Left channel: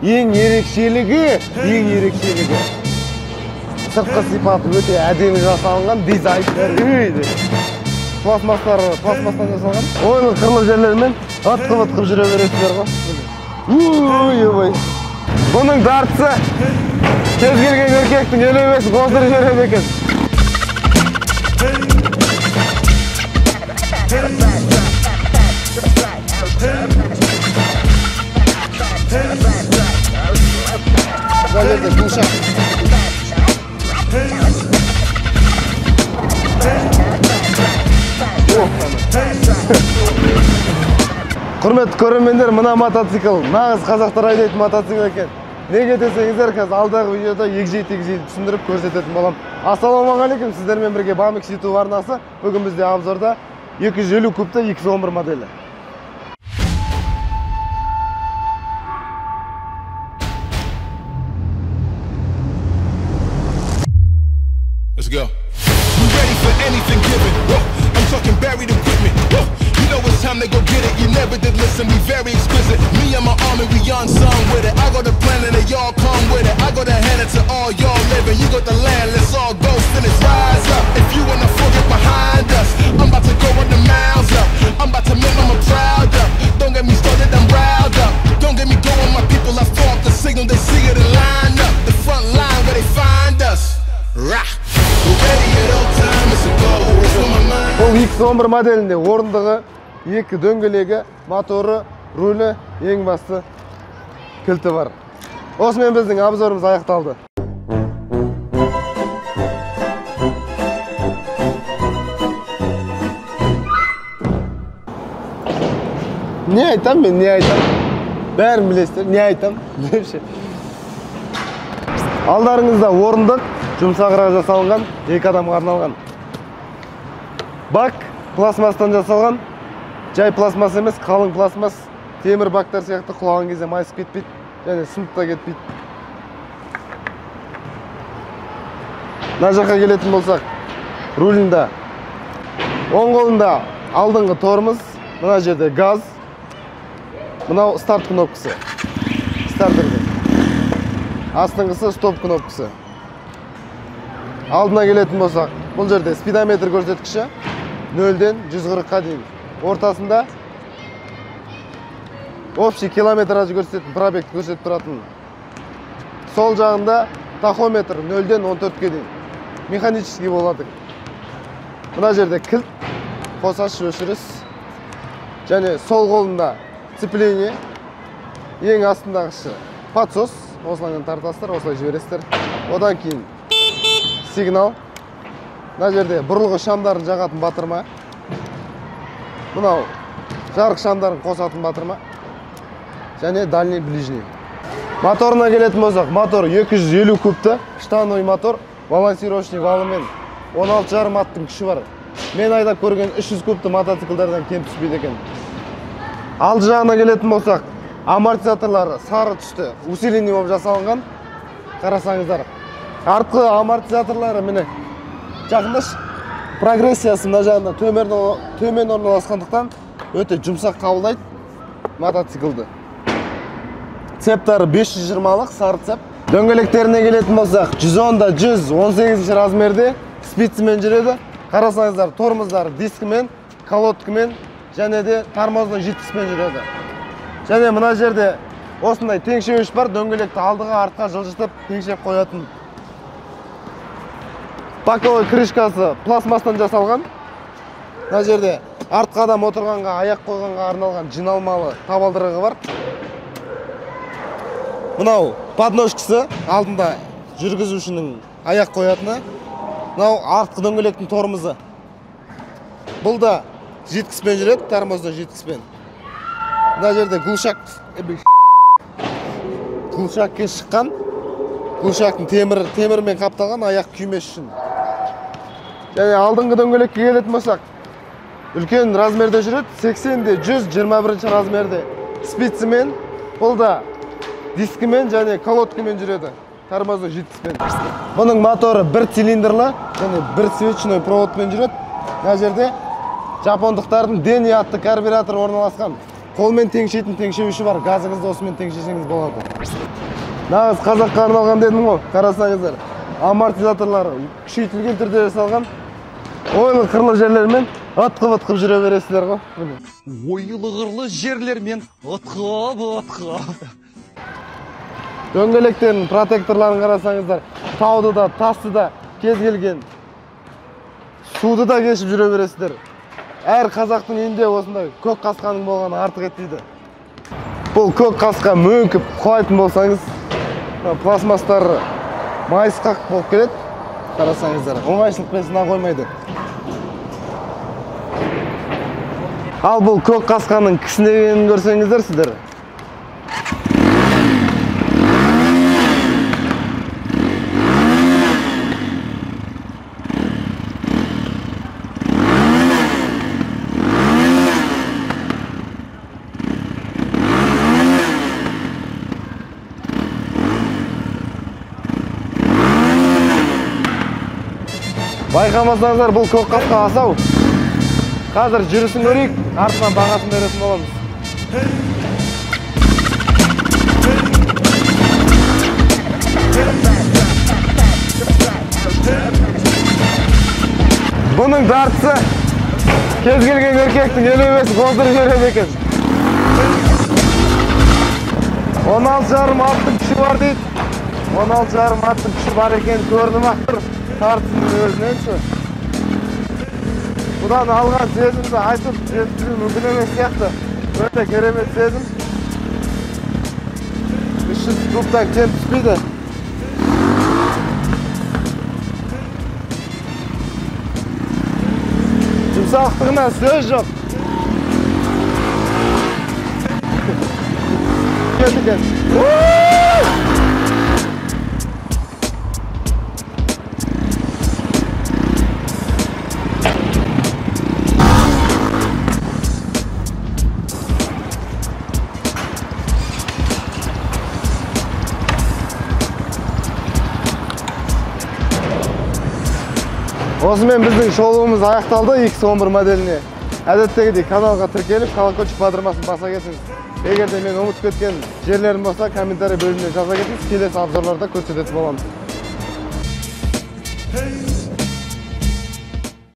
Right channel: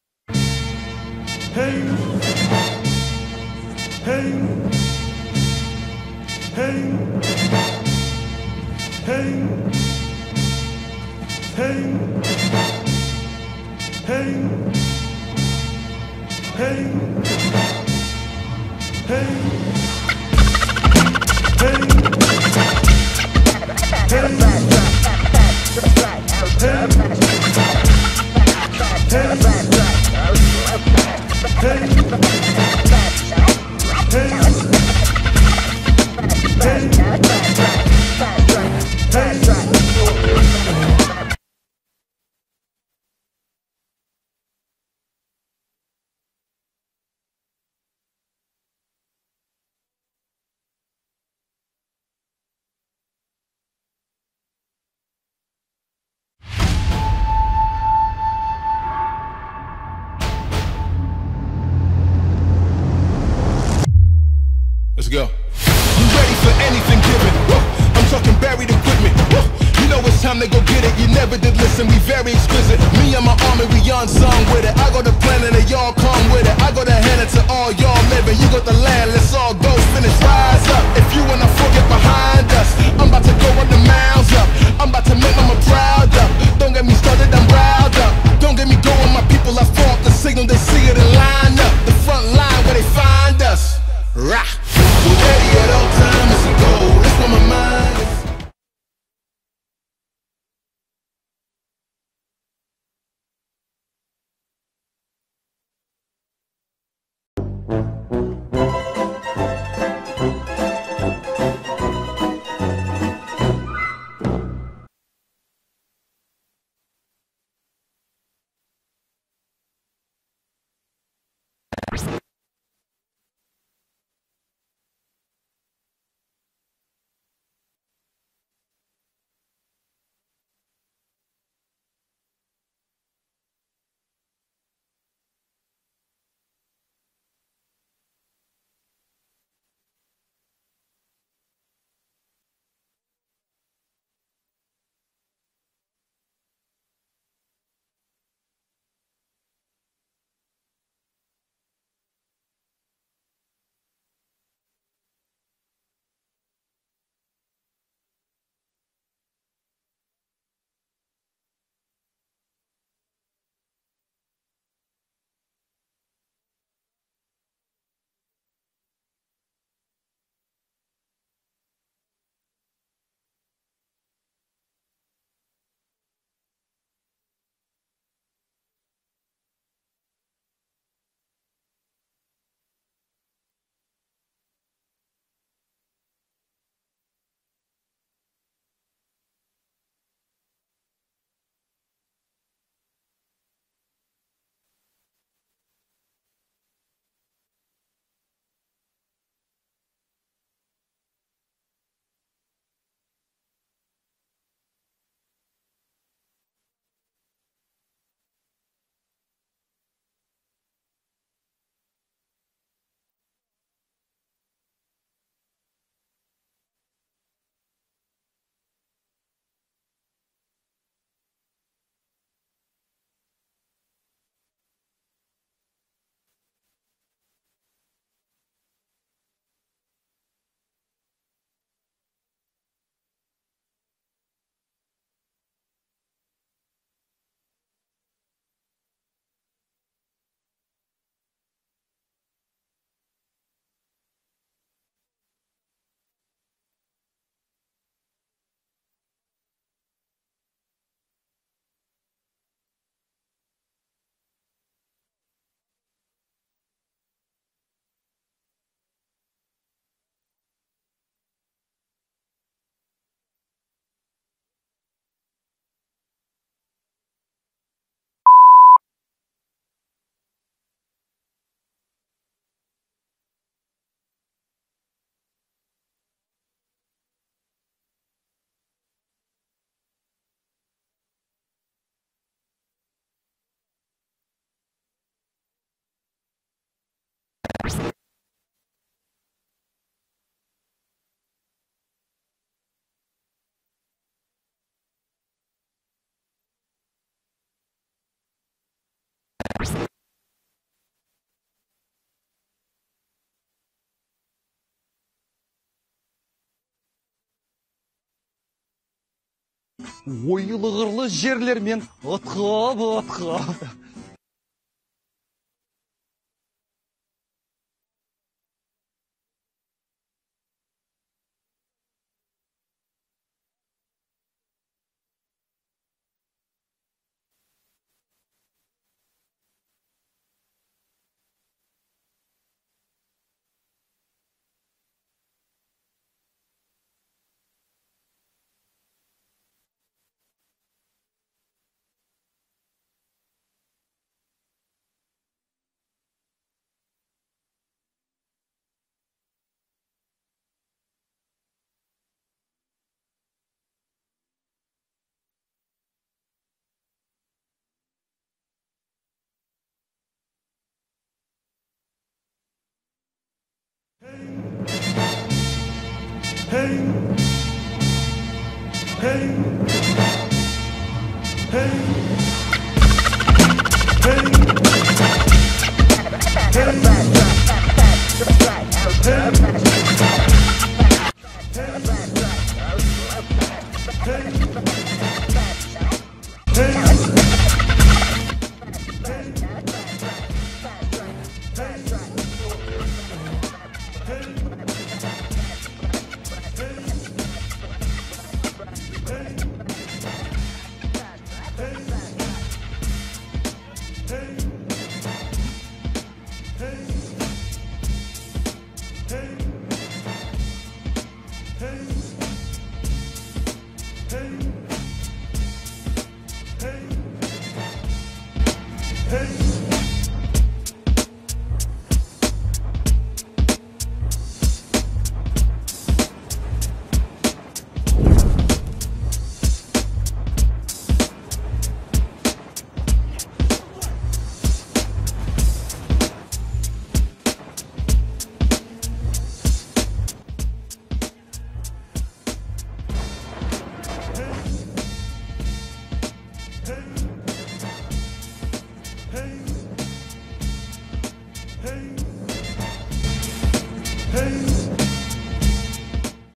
Ең ерекшелігі сыртқы сипаты өте әдемі жасалынған дизайн. Пластмастан жасалған. Оның қырлы жерлерімен атқып жүре бересіздер ғой. Ой. Бұның дартысы кез келген еркектің елемесін қоздырып береді екен. Құрметті көрермендер, мына мотоцикл нағыз қазақтар айдайтын мотоцикл екен. Неге десеңіздер, қазір алдағы видеода егжей-тегжей түсіндіріп көрсететін болам. Ассалаумағалейкум, сіздермен бірге Bamix YouTube арнасы. Бүгін бізде обзорда 250 кубты X11 моделі. Let's go. We're ready for anything given. I'm talking buried equipment. You know it's time to go get it. You never did listen, we very exquisite. Me and my army, we on song with it. I got the plan and they all come with it. I got to hand it to all y'all living. You got the land, let's all go finish. Rise up. If you wanna forget behind us, I'm about to go run the miles up. I'm about to make mama proud up. Don't get me started, I'm riled up. Don't get me going, my people. I throw up the signal, they see it and line up. The front line where they find us. Rah. Бұл X11 моделінде орындығы, екі дөңгелегі, моторы, рулі, ең басты кілті бар. Осымен біздің обзорымыз аяқталды. Не айтам мен, не айтам? Бәрін білесіздер, не айтам? Алдарыңызда орындық, жұмсағырақ жасалынған, екі адамға арналған. Бак пластмастан жасалған, жай пластмас емес, қалың пластмас, темір бактар сияқты құлаған кезде майысып кетпейді, және сынып та кетпейді. Мына жаққа келетін болсақ, рулінде оң қолында алдыңғы тормоз, мына жерде газ, мынау старт кнопкасы, стартердің. Астыңғысы стоп кнопкасы. Алдына келетін болсақ, бұл жерде спидометр көрсеткіші 0-ден 140-қа дейін. Ортасында общий километраж көрсететін, пробегті көрсетіп тұратын. Сол жағында тахометр 0-ден 14-ке дейін. Механический болады. Мына жерде кілт, қосаш өшіріс. Және сол қолында сцепление, ең астындағысы подсос, осылайдан тартасыздар, осылай жібересіздер. Одан кейін сигнал. Мына жерде бұрылғы шамдарын жағатын батырма. Мынау жарық шамдарын қосатын батырма. Және дальний ближний. Моторына келетін болсақ, мотор 250 кубты, штанной мотор, балансировочный валымен 16,5 аттың күші бар. Мен айдап көрген 300 кубты мотоциклдардан кем түспейді екен. Алды жағына келетін болсақ, амортизаторлары сары түсті, усиление болып жасалынған. Қарасаңыздар. Артқы амортизаторлары міне жақындаш прогрессиясы мына жағында төмен орналасқандықтан өте жұмсақ қабылдайды мотоциклді. Цептары 520-лық сары цеп. Дөңгелектеріне келетін болсақ, 110-да 118 размерде спицымен жүреді. Қарасаңыздар, тормоздары дискімен, колодкімен және де тормоздың житкіспен жүреді. Және мына жерде осындай теңшеуіш бар, дөңгелекті алдыға артқа жылжытып теңшеп қоятын. Боковой крышкасы пластмастан жасалған. Мына жерде артқа адам отырғанға, аяқ қойғанға арналған жиналмалы табалдырығы бар. Мынау подножкасы, алдында жүргізушінің аяқ қоятыны. Мынау артқы дөңгелектің тормозы. Бұл да житкіспен жүреді, тормозда житкіспен. Мына жерде глушакке шыққан, глушактың темірмен қапталған, аяқ күймес үшін. Және алдыңғы дөңгелекке келетін болсақ, үлкен размерде жүреді, 80-де 121 размерде спицымен, бұл да дискімен және колодкімен жүреді, тормозы житкіспен. Бұның моторы бір цилиндрлы, және бір свечной проводпен жүреді. Мына жерде жапондықтардың Дени атты карбюратор орналасқан. Колмен теңшейтін теңшеуші бар. Газыңызды осымен теңшесеңіз болады. Нағыз қазаққа арналған дедім ғой. Қарасаңыздар. Амортизаторлары күшейтілген түрде жасалған. Ойлы қырлы жерлермен ытқып жүре бересіздер ғой. Ойлы қырлы жерлермен ытқып. Дөңгелектердің протекторларын қарасаңыздар. Тауды да, тасты да, кез келген суды да кешіп жүре бересіздер. Әр қазақтың үйінде осындай көк қасқаның болғаны артық етпейді. Бұл көк қасқа мөңкіп құлайтын болсаңыз, пластмастар майысқақ болып келеді. Қарасаңыздар, оңайшылықпен сына қоймайды. Ал бұл көк қасқаның кісінегенін көрсеңіздер сіздер. Байқамасаңыздар, бұл көк қасқа асау. Қазір жүрісін көрейік, артынан бағасын беретін боламыз. Бұның дартысы кез келген еркектің елемесі қоздырып береді екен. 16,5 аттың күші бар дейді. 16,5 аттың күші бар екен көрініп ақтыр. Тартысының өзінен сі. Бұдан алған сезімді айтып жеткізу мүмкін емес сияқты. Өте керемет сезім. 300 кубтан кем түспейді. Жұмсақтығына сөз жоқ. Кетікен. Осымен біздің шолуымыз аяқталды X11 моделіне. Әдеттегідей каналға тіркеліп, колокольчик батырмасын баса кетіңіз. Егер де мен ұмытып кеткен жерлерім болса, комментарий бөліміне жаза кетіңіз. Келесі обзорларда көрсететін боламыз.